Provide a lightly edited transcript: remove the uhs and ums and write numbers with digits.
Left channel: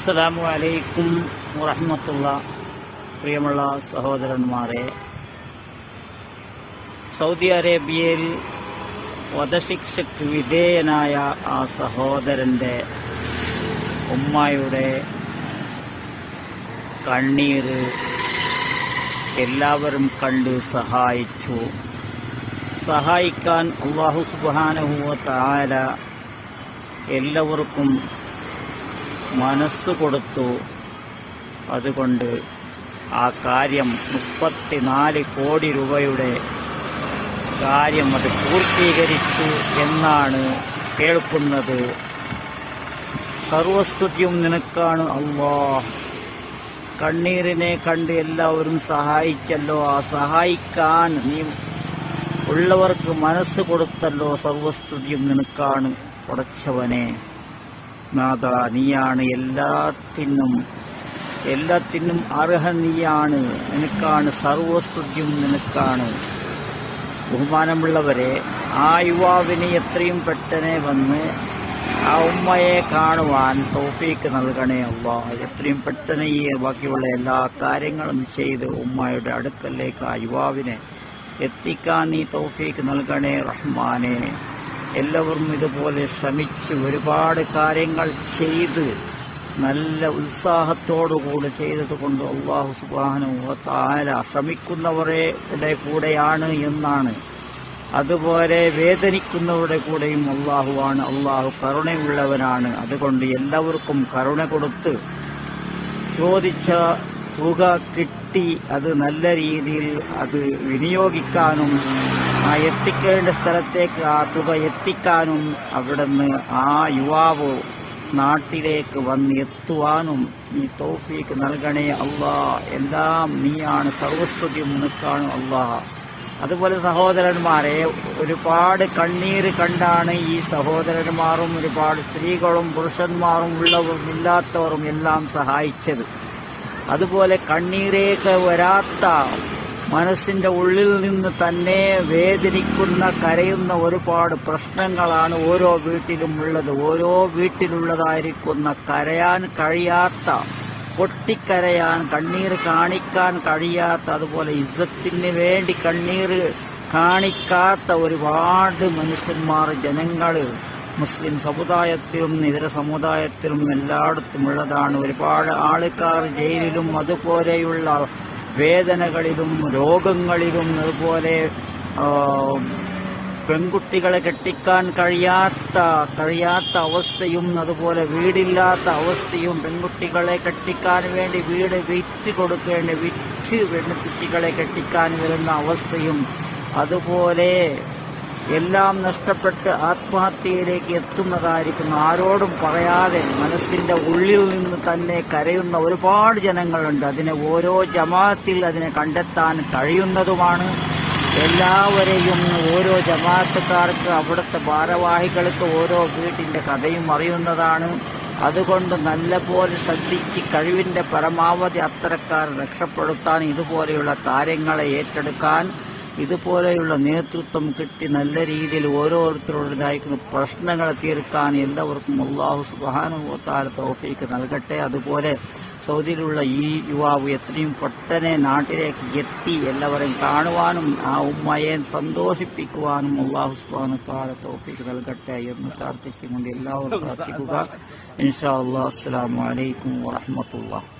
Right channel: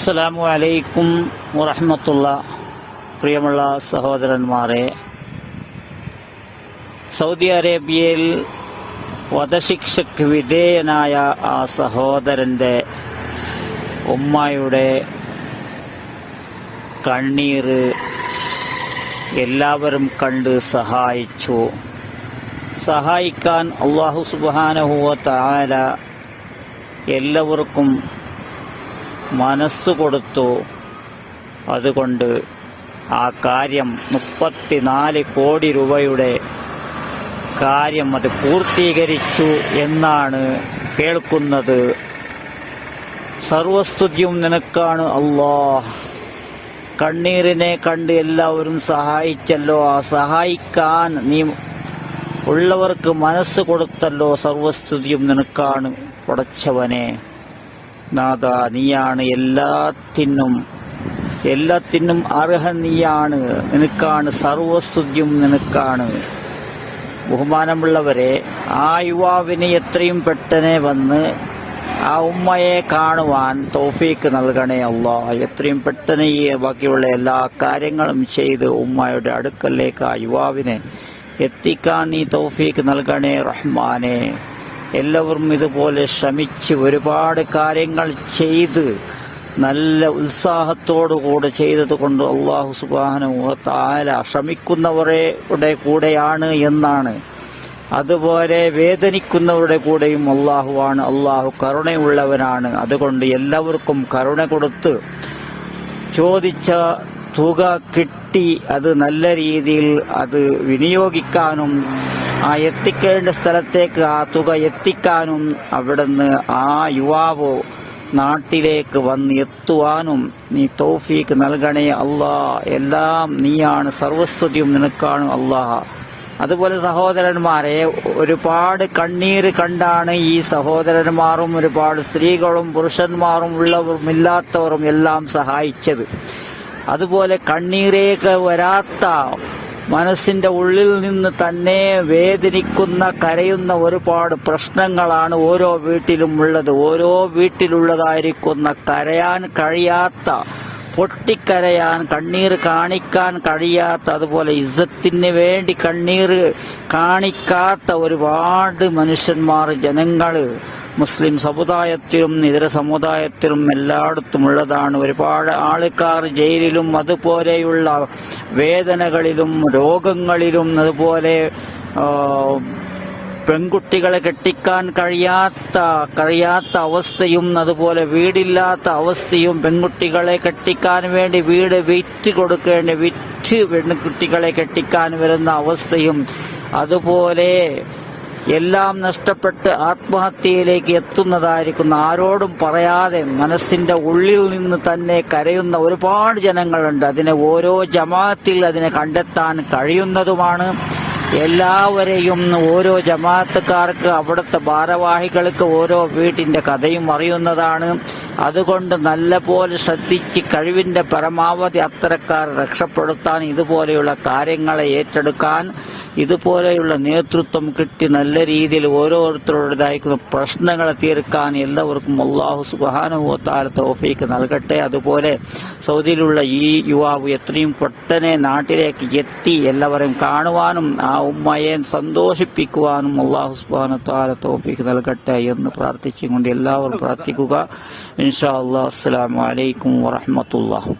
അസ്സലാമു അലൈക്കും വറഹ്മത്തുള്ള. പ്രിയമുള്ള സഹോദരന്മാരെ, സൗദി അറേബ്യയിൽ വധശിക്ഷയ്ക്ക് വിധേയനായ ആ സഹോദരന്റെ ഉമ്മയുടെ കണ്ണീര് എല്ലാവരും കണ്ട് സഹായിച്ചു. സഹായിക്കാൻ അല്ലാഹു സുബ്ഹാനഹു വ തആല എല്ലാവർക്കും മനസ്സ് കൊടുത്തു. അതുകൊണ്ട് ആ കാര്യം 34 കോടി രൂപയുടെ കാര്യം അത് പൂർത്തീകരിച്ചു എന്നാണ് കേൾക്കുന്നത്. സർവസ്തുതിയും നിനക്കാണ് അല്ലാഹ്. കണ്ണീരിനെ കണ്ട് എല്ലാവരും സഹായിച്ചല്ലോ. ആ സഹായിക്കാൻ നീ ഉള്ളവർക്ക് മനസ്സ് കൊടുത്തല്ലോ. സർവസ്തുതിയും നിനക്കാണ് പടച്ചവനെ. നാഥ, നീയാണ് എല്ലാത്തിനും അർഹൻ. നീയാണ്, നിനക്കാണ് സർവസ്തുതിയും നിനക്കാണ്. ബഹുമാനമുള്ളവരെ, ആ യുവാവിന് എത്രയും പെട്ടെന്ന് വന്ന് ആ ഉമ്മയെ കാണുവാൻ തൗഫീക്ക് നൽകണേ അല്ലാഹ്. എത്രയും പെട്ടെന്ന് ഈ ബാക്കിയുള്ള എല്ലാ കാര്യങ്ങളും ചെയ്ത് ഉമ്മയുടെ അടുക്കലേക്ക് ആ യുവാവിനെ എത്തിക്കാൻ നീ തൗഫീക്ക് നൽകണേ റഹ്മാനെ. എല്ലാവരും ഇതുപോലെ ശ്രമിച്ച് ഒരുപാട് കാര്യങ്ങൾ ചെയ്ത് നല്ല ഉത്സാഹത്തോടുകൂടെ ചെയ്തത് കൊണ്ട് അല്ലാഹു സുബ്ഹാനഹു വ തആല ശ്രമിക്കുന്നവരുടെ കൂടെയാണ് എന്നാണ്. അതുപോലെ വേദനിക്കുന്നവരുടെ കൂടെയും അല്ലാഹുവാണ്. അല്ലാഹു കരുണയുള്ളവനാണ്. അതുകൊണ്ട് എല്ലാവർക്കും കരുണ കൊടുത്ത് ചോദിച്ച തുക കിട്ടി അത് നല്ല രീതിയിൽ അത് വിനിയോഗിക്കാനും ആ എത്തിക്കേണ്ട സ്ഥലത്തേക്ക് ആ തുക എത്തിക്കാനും അവിടുന്ന് ആ യുവാവ് നാട്ടിലേക്ക് വന്ന് എത്തുവാനും നീ തൗഫീക്ക് നൽകണേ അല്ലാഹ്. എല്ലാം നീയാണ്, സർവസ്തുതിയും നിനക്കാണ് അല്ലാഹ്. അതുപോലെ സഹോദരന്മാരെ, ഒരുപാട് കണ്ണീര് കണ്ടാണ് ഈ സഹോദരന്മാരും ഒരുപാട് സ്ത്രീകളും പുരുഷന്മാരും ഉള്ളവരും ഇല്ലാത്തവരും എല്ലാം സഹായിച്ചത്. അതുപോലെ കണ്ണീരേക്ക് വരാത്ത മനസ്സിന്റെ ഉള്ളിൽ നിന്ന് തന്നെ വേദനിക്കുന്ന കരയുന്ന ഒരുപാട് പ്രശ്നങ്ങളാണ് ഓരോ വീട്ടിലും ഉള്ളത്. ഓരോ വീട്ടിലുള്ളതായിരിക്കുന്ന കരയാൻ കഴിയാത്ത, പൊട്ടിക്കരയാൻ, കണ്ണീർ കാണിക്കാൻ കഴിയാത്ത, അതുപോലെ ഇസ്സത്തിന് വേണ്ടി കണ്ണീർ കാണിക്കാത്ത ഒരുപാട് മനുഷ്യന്മാർ, ജനങ്ങൾ മുസ്ലിം സമുദായത്തിലും ഇതര സമുദായത്തിലും എല്ലായിടത്തും ഉള്ളതാണ്. ഒരുപാട് ആൾക്കാർ ജയിലിലും അതുപോലെയുള്ള വേദനകളിലും രോഗങ്ങളിലും അതുപോലെ പെൺകുട്ടികളെ കെട്ടിക്കാൻ കഴിയാത്ത അവസ്ഥയും അതുപോലെ വീടില്ലാത്ത അവസ്ഥയും, പെൺകുട്ടികളെ കെട്ടിക്കാൻ വേണ്ടി വീട് വിറ്റ് പെൺകുട്ടികളെ കെട്ടിക്കാൻ വരുന്ന അവസ്ഥയും, അതുപോലെ എല്ലാം നഷ്ടപ്പെട്ട് ആത്മഹത്യയിലേക്ക് എത്തുന്നതായിരിക്കുന്ന, ആരോടും പറയാതെ മനസ്സിന്റെ ഉള്ളിൽ നിന്ന് തന്നെ കരയുന്ന ഒരുപാട് ജനങ്ങളുണ്ട്. അതിനെ ഓരോ ജമാഅത്തിൽ അതിനെ കണ്ടെത്താൻ കഴിയുന്നതുമാണ്. എല്ലാവരെയും ഓരോ ജമാഅത്തുകാർക്ക്, അവിടുത്തെ ഭാരവാഹികൾക്ക് ഓരോ വീട്ടിന്റെ കഥയും അറിയുന്നതാണ്. അതുകൊണ്ട് നല്ലപോലെ ശ്രദ്ധിച്ച് കഴിവിന്റെ പരമാവധി അത്തരക്കാർ രക്ഷപ്പെടുത്താൻ, ഇതുപോലെയുള്ള കാര്യങ്ങളെ ഏറ്റെടുക്കാൻ, ഇതുപോലെയുള്ള നേതൃത്വം കിട്ടി നല്ല രീതിയിൽ ഓരോരുത്തരുടേതായിരിക്കുന്ന പ്രശ്നങ്ങളെ തീർക്കാൻ എല്ലാവർക്കും അല്ലാഹു സുബ്ഹാനഹു വ തആല തൗഫീക്ക് നൽകട്ടെ. അതുപോലെ സൗദിയിലുള്ള ഈ യുവാവ് എത്രയും പെട്ടെന്ന് നാട്ടിലേക്ക് എത്തി എല്ലാവരെയും കാണുവാനും ആ ഉമ്മയെ സന്തോഷിപ്പിക്കുവാനും അല്ലാഹു സുബ്ഹാനഹു വ തആല തൗഫീക്ക് നൽകട്ടെ എന്ന് പ്രാർത്ഥിച്ചുകൊണ്ട് എല്ലാവരും പ്രാർത്ഥിക്കുക. ഇൻഷാ അല്ലാഹ്. അസ്സലാമു അലൈക്കും വറഹ്മത്തുള്ളാഹി.